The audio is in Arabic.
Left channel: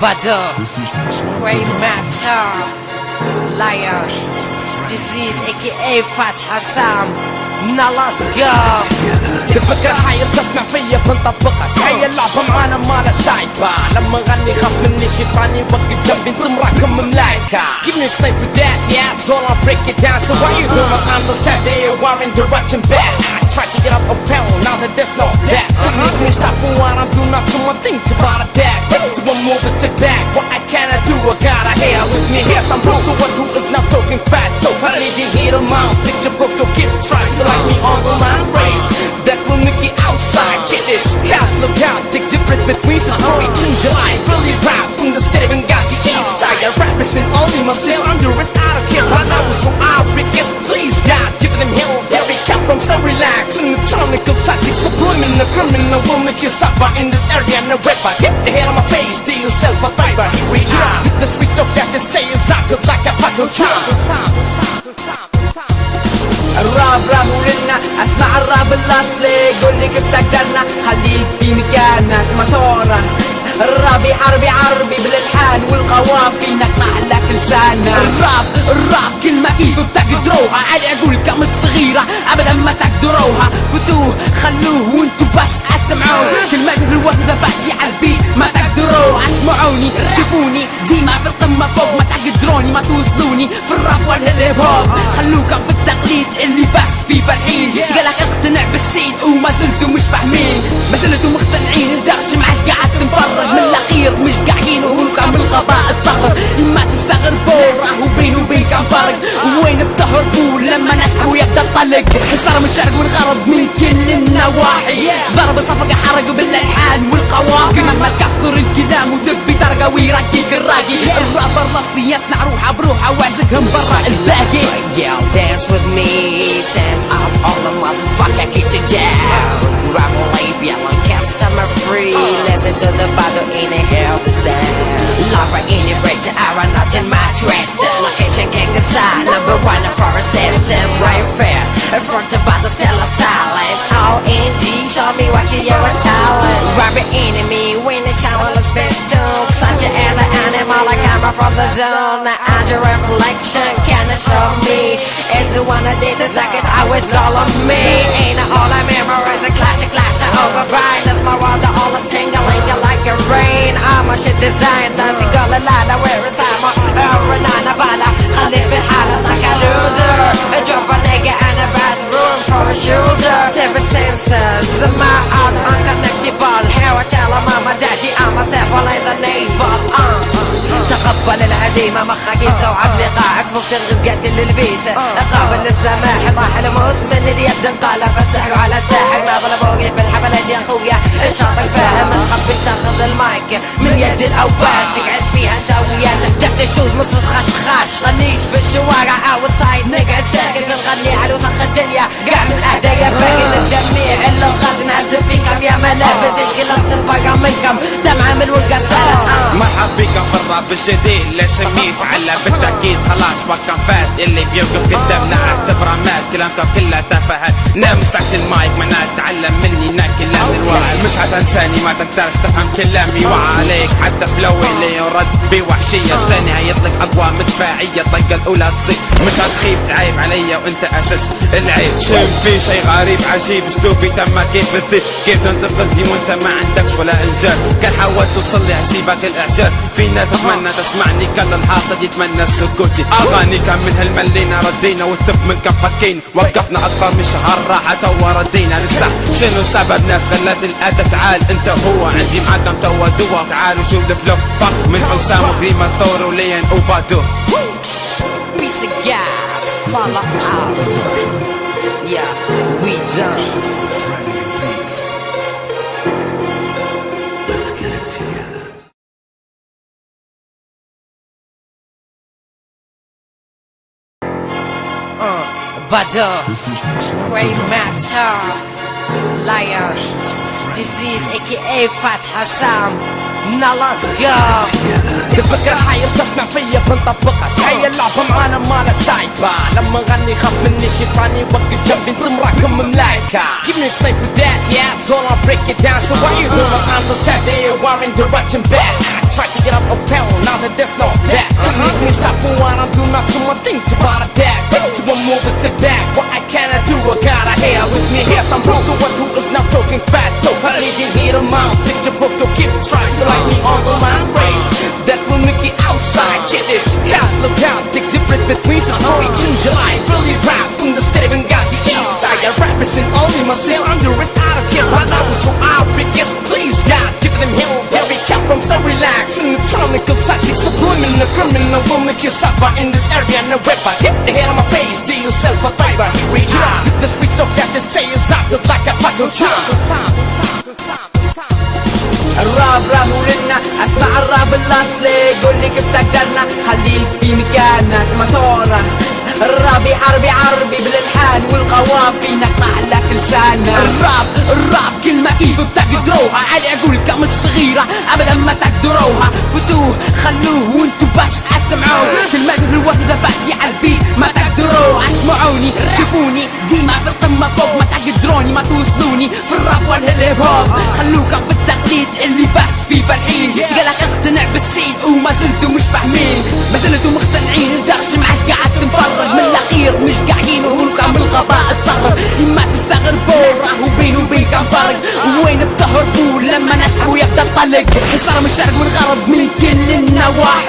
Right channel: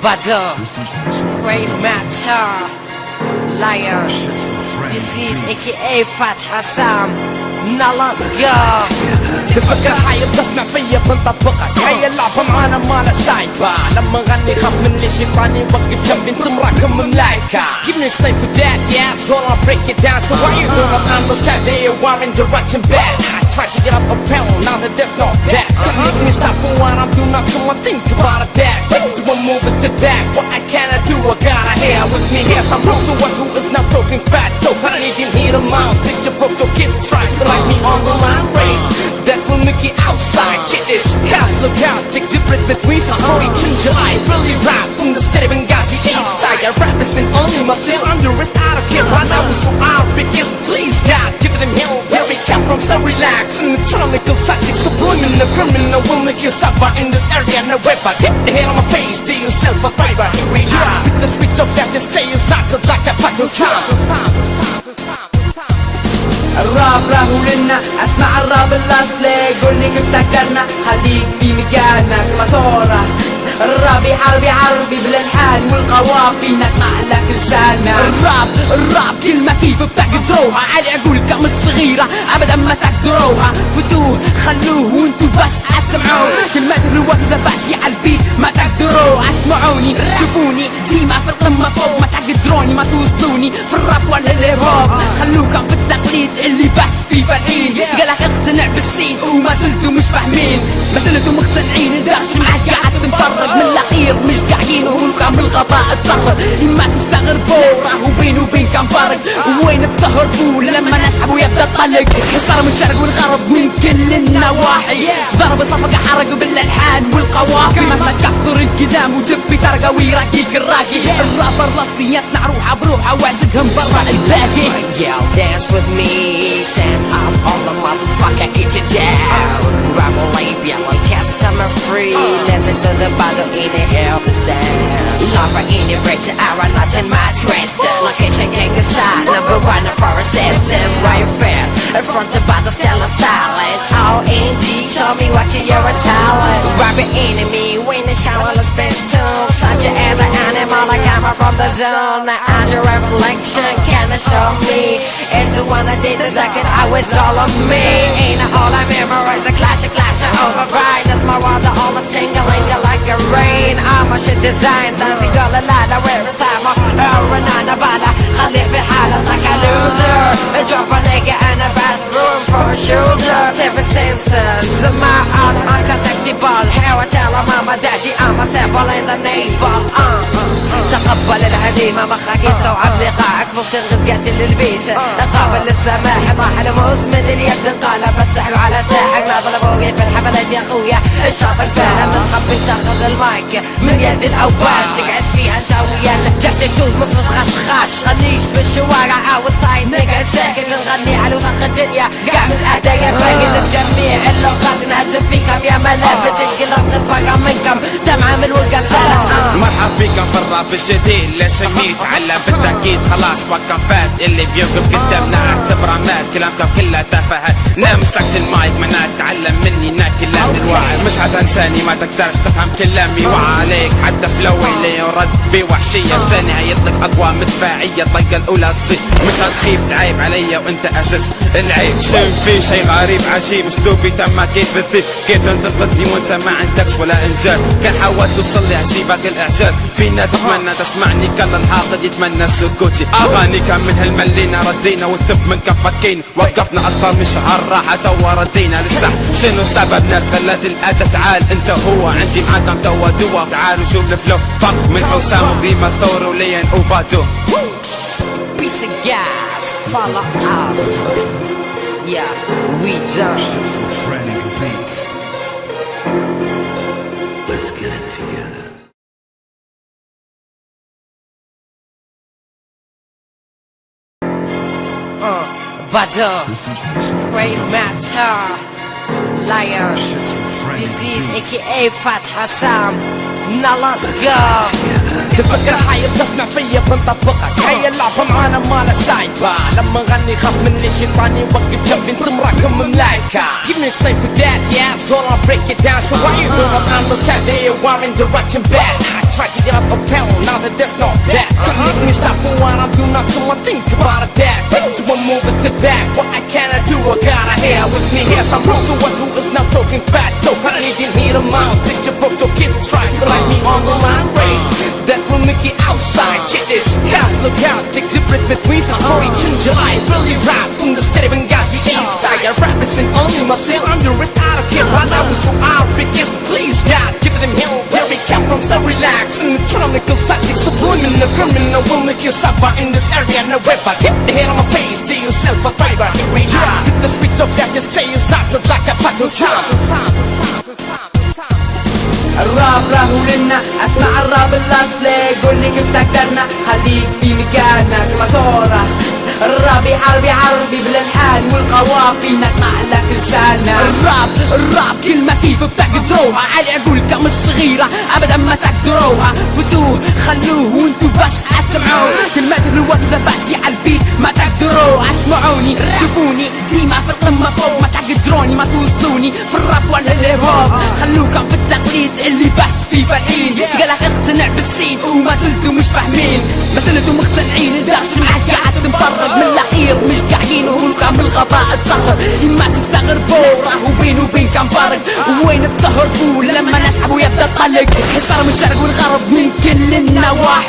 Bada, This is Mixlock Great Production. Matter, Lion. This is AKA Fat Hassan. Now let's go. تفكر هاي بتسمع فيا بنطبقها تخيل لعبة معنا ما سايبة لما غني خاف مني شيطاني وقف جنبي تمركم ملايكة. Give me explain for that, yeah, so I'll break it down. So why you don't understand that you are in direction bad? I try to get up a pound, now that there's no that. Make me stop for what I'm doing, not doing, think about it back. Take to a move and step back, what I cannot do, I gotta hear with me. Yes, I'm broke, so one who is not broken fat. Dope, I need to hear the miles, picture broke, don't get tried to like me on the line race. That will make it outside, get this. Guys, look out, the difference between story and July. Really rap from the city of Benghazi, east side. I represent only myself, I'm the rest out of here. Right now, so out, because please, God, give them hero where we come from, so relax. In the jungle, to psychic, subliminal, criminal, will make you suffer in this area, no weapon. Hit the head on my face, do yourself a driver, here we are. The speech of death is stay inside you like a battle الراب راب ولنا اسمع الراب الاصلي قول لي كيف تقدرنا خليك في مكانك موتورة الراب يحاربي عربي بالالحان والقوافي نقطع لك لساننا الراب كلمة كيف بتقدروها على عقولكم الصغيرة ابدا ما تقدروها فدوه خلوه وانتو بس اسمعوه كلمة الوقفة بحكي عالبيت ما تقدروا اسمعوني شوفوني ديما في القمة فوق ما تقدروني ما توصلوني في الراب ولا الهيب هوب خلوكم في التقليد اللي بس في فرحين يلا اقتنع بالسين وما زلتوا مش فاهمين ما زلتوا مقتنعين الدرج معك قاعد تتفرج من الاخير مش قاعدين وروسكم بالغباء تصرف ما تستغربوا راهو بيني وبينكم فرق وين التهربوا لما نسحب ويبدا الطلق صار من الشرق والغرب من كل النواحي ضرب صفقة حرق بالالحان والقوافي ما كفر القدام ودبي ترقى ويرقيك الراقي الرابر الاصلي يصنع روحه بروحه واسقهم برا الباقي. Girl, dance with me, stand up on the motherfucker, get you down. Rock away, yellow caps, stomach free. Listen to the bottle in a hell sound. Lover in your break to iron, not in my dress. The location gang aside, number one for a system, right fair. In front of the cell of silence, all indie. Show me what you're a talent. Grab your enemy, win the shadow of pistol. Such as an animal, like I'm from the zone. Under revelation, can I show me? Into one of these seconds, I wish all of me. Ain't a hole I memorize, a clash, I override. That's my world, the all the tingling, you like a rain. I'm a shit design, don't you go the ladder, where it's time for another bala. خلي في حالة like a loser. Drop a nigga in a bad room for a shoulder. Seven senses, in my honor, like a tactable. Here I tell her mama, daddy, I'm a seven in the neighbor. تقبل الهزيمة مخك يستوعب لقاعك فوق تشغل للبيت قابل السماح طاح الموسم من اليد انقلب السحر على الساحر اضرب فوقي في الحفلات يا اخويا الشاط الفاهم حبيت تاخذ المايك من يد الاوباش تقعد فيها سوية تحت الشوز نص خشخاش صنيش في الشوارع حاول صايد نقعد ساكن نغني على وسخ الدنيا قاعد مساعدة يا فاقد الجميع الا وقاعد نهزم فيكم يا ملابس الكلاب تبقى منكم دمعة من ورقة السلام. مرحب بكم في الراب الجديد لا سميت علم بالتأكيد خلاص وقتهم فات اللي بيوقف قدامنا اعتبره مات كلامكم كلها تفاهات لا مسكت المايك ما نتعلم مني كلامي مش حتنساني ما تقدرش تفهم كلامي وعليك حتى في الاول يرد بوحشية الثانية يطلق اقوى مدفعية طلقة الاولى تصيب مش هتخيب تعيب عليا وانت اساس العيب شايف في شي غريب عجيب اسلوبي تم كيف الذئب كيف تنطق ضدي وانت ما عندكش ولا انجاز كان حاولت توصل لي هسيبك الاعجاز في ناس تتمنى تسمعني كان الحاقد يتمنى السكوتي اغاني كامل هالملينا ردينا والطب من كفكين وقفنا اكثر من شهر راحة وردينا نسح شنو سبب ناس خلت الادب تعال انت هو عندي معكم توا دوا تعالوا شوف الفلو فك من حسام وقريمة ثور وليان وبادو Piece of gas, follow us. Yeah, we done. Let's get it together. Bada, This is Mixlock Great Production. Matter, Lion. This is AKA Fat Hassan. نغزقها تفكر عايز تسمع فيا بنطبقها تخيل لعبة معانا مانا سايبة لما نغني خاف مني الشيطان يوقف جنبي نراكم ملايكة Give me explain for that, yeah, so I'll break it down So why you don't understand that you are in direction back I try to get up town, now that there's no that Don't make me stop for what I'm doing, not doing, think about that Think to a move, step back, what I cannot do, I gotta hear with me Yes, I'm wrong, so one who is not broken fat Dope, I don't even need a mouse, picture broke, don't keep trying to like me on the line race That will make it outside, get this guys, look out, big difference between some story in July Really rap from the city of Benghazi, east side I represent only myself, I'm the rest out of here Right now, so I'll be guess, please God Give them hell where we come from, so relax In the tropical psychic, subliminal criminal Will make you suffer in this area, no weapon Hit the head on my face, do yourself a favor Here we are, the sweet talk that just say inside you like a battle sound الراب راب ولنا اسمع الراب الاصلي قولي كيف تقدرنا خليك في مكانك ما تورا الراب يحارب عربي بالالحان والقوافي نقطع لك لساننا الراب كلمة كيف بتقدروها علي اقول كم الصغيرة ابدا ما تقدروها فتوه خلوه وانتو بس اسمعوه في المدن الوردة باتي عالبيت ما تقدروا اسمعوني شوفوني ديما في القمة فوق ما تقدروني ما توصلوني في الراب ولا الهيب هوب خلوكم في التقليد اللي بس في فرحين غير اقتنع بالسين وما زلتوا مش فاهمين ما زلتوا مقتنعين الدرج معاه قاعد تتفرج من الاخير مش قاعدين وهوسكم بالغباء تصرف ما تستغربوا راهو بيني وبينكم فرق وين تهربوا لما نسحب ويبدا الطلق صار شعب الغرب من كل النواحي